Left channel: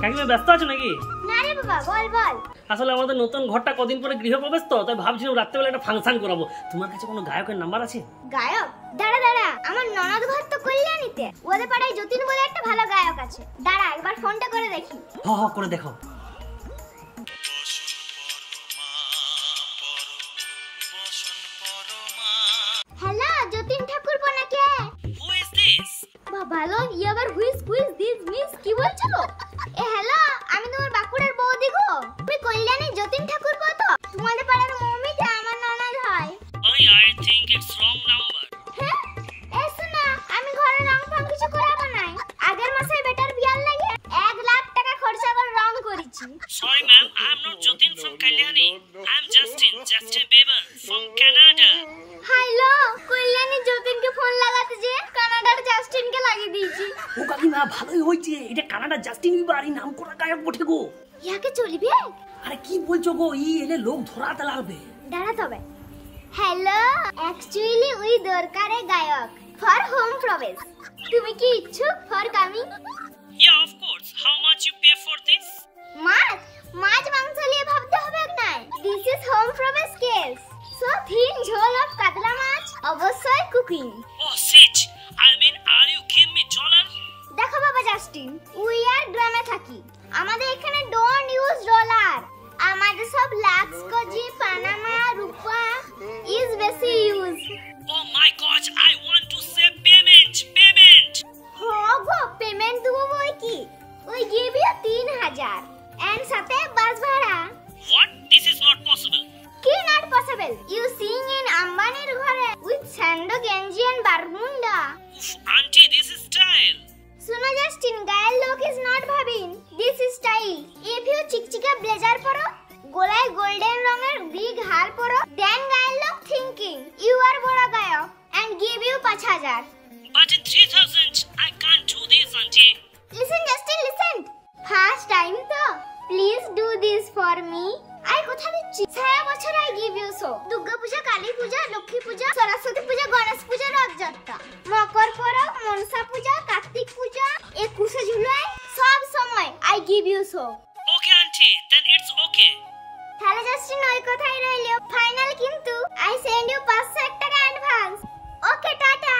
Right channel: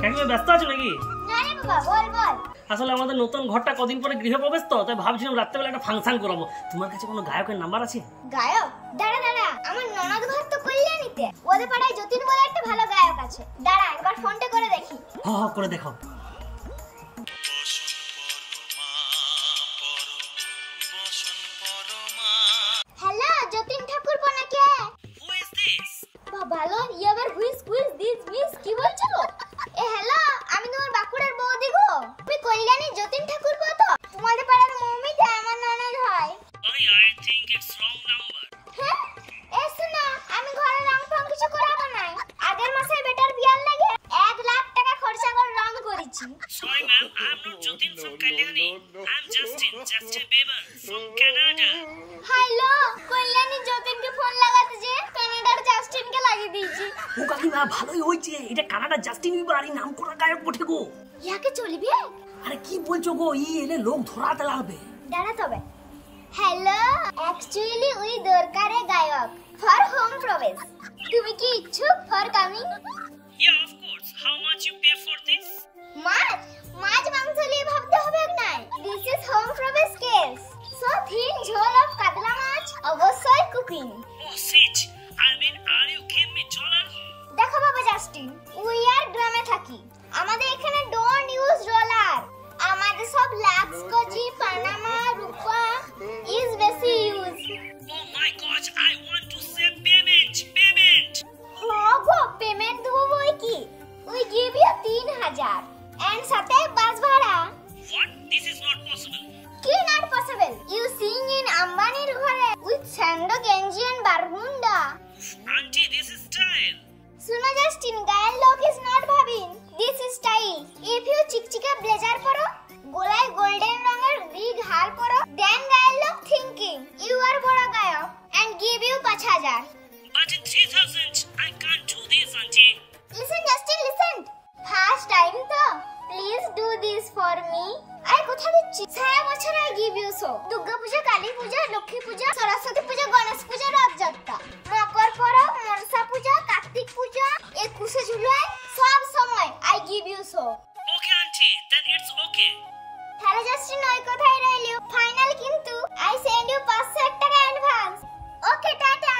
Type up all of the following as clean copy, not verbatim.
কাকিমা ব্যস্ত আছো নাকি? না রে বাবা, বল বল। আসলে আমাদের নতুন ঘরটা কদিন পরে গৃহপ্রবেশ তো, তাই ভাবছিলাম রাত্রেবেলা একটা ফাংশন করাবো। তোমার কাছে কোনো গায়কের নাম্বার আছে? গায়ক? দাঁড়া দাঁড়া, আমার ননদ ঘর তো কল্যাণীতে, ওদের পাড়ায় যতীন বলে একটা ভালো গায়ক আছে। দাঁড়া একবার ফোনটা করে দেখি। হ্যাঁ করে দেখো। হ্যালো, যতীন ঠাকুর নাকি? Who is this? ভালো, ইয়াবার হুইজ দিস মিস কি বলছো? হ্যালো, আমি তোমার বাঁকুড়ার বৌদি গো। তুমি কল্যাণী যতীন ঠাকুর তো? তোমাদের পাড়ার মমিটা আমার ননদ হয়। I think it's wrong number. হ্যাঁ, শোনা, আমি ঘরে রং ফং কিছু করাবো নাই। আগের মাসে বেটার বিয়ার লাগে 1 লাখ টাকা খরচা করে রং করেছি। Sorry ma'am, I'm not Jatin from Kalyani. I'm Justin Bieber from Canada. Hello, Kalyani যতীনকে ফোন লাগাতে যে কানাডার জাস্টিনকে লাগিয়ে দিয়েছি। ও কাকিমা ভালোই হয়েছে, এটা কানাডা জাস্টিন বিবার নাম করা গায়ক বটে গো। ইয়াকে চলিবে? আরে কি বলছো গো, এলে লোক ধরাতে লাগবে। দাঁড়া তবে। হ্যালো, অ্যাকচুয়ালি উই দরকারে গায়ক ফর হোম প্রবেশ। তুমি কি ইচ্ছুক for coming? Yeah, of course. How much you pay for this? মাছ মাংস নিয়ে ভাবতে হবে না। দিস ইজ হোম প্রবেশ কেস। সো থিন ঝোল অফ কাতলা মাছ, অবশ্যই cooking. Oh shit. I mean, are you give me dollar? দেখো বাবা জাস্টিন, উই আর গ্রামে থাকি। আমাদের এখানে ডোন্ট ইউজ ডলার। আমাদের সব Lux Cozy, Panama, Rupa is বেশি use. Oh my gosh, I want to say payment. Go, payment দেবো বই কি? উই গিভ ইউ 3000 এন্ড সাথে বাস ভাড়া। What? This is not possible. কি not possible? You sing in আম্বানির ঘরে উইথ স্যান্ডো গেঞ্জি and Bermuda. Auntie, this is style. শুনো জাস্টিন, গায়ের লোক ইজ নট ভাবিন, this is style. If you চিকচিকা ব্লেজার পরো, গলায় গোল্ডেন রঙের বিগ হার পরো, দেন গায়ের লোক থিংকিং ইউ আর বড় গায়ক and give you 5000। But in 3000, I can't do this, auntie. Listen Justin, listen. First time তো, please do this for me. I কথা দিচ্ছি, সারা বছর I give you so. Durga Puja, Kali Puja, Lakshmi Puja, Saraswati Puja, Ganesh Puja, Rathyatra, Makar Parab, Manasa Puja, Kartik Puja, 21শে July, সব সময় I give you so. Okay, auntie, then it's okay. তাহলে Justin ওই কথাই রইলো, ফাইনাল কিন্তু আই সেন্ড ইউ 500 টাকা অ্যাডভান্স। ওকে টাটা।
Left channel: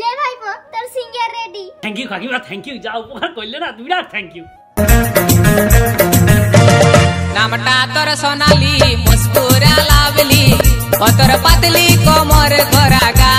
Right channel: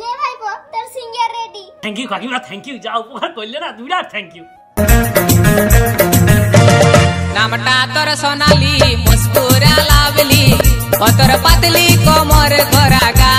লে ভাইপো, তোর সিঙ্গার রেডি। Thank you, কাকিমা, thank you. যা উপকার করলে না, বিরাট থ্যাংক ইউ। নামটা তোর সোনালি, মুস্কুরা লাভলি, ও তোর পাতলি কোমর ঘোরা গা।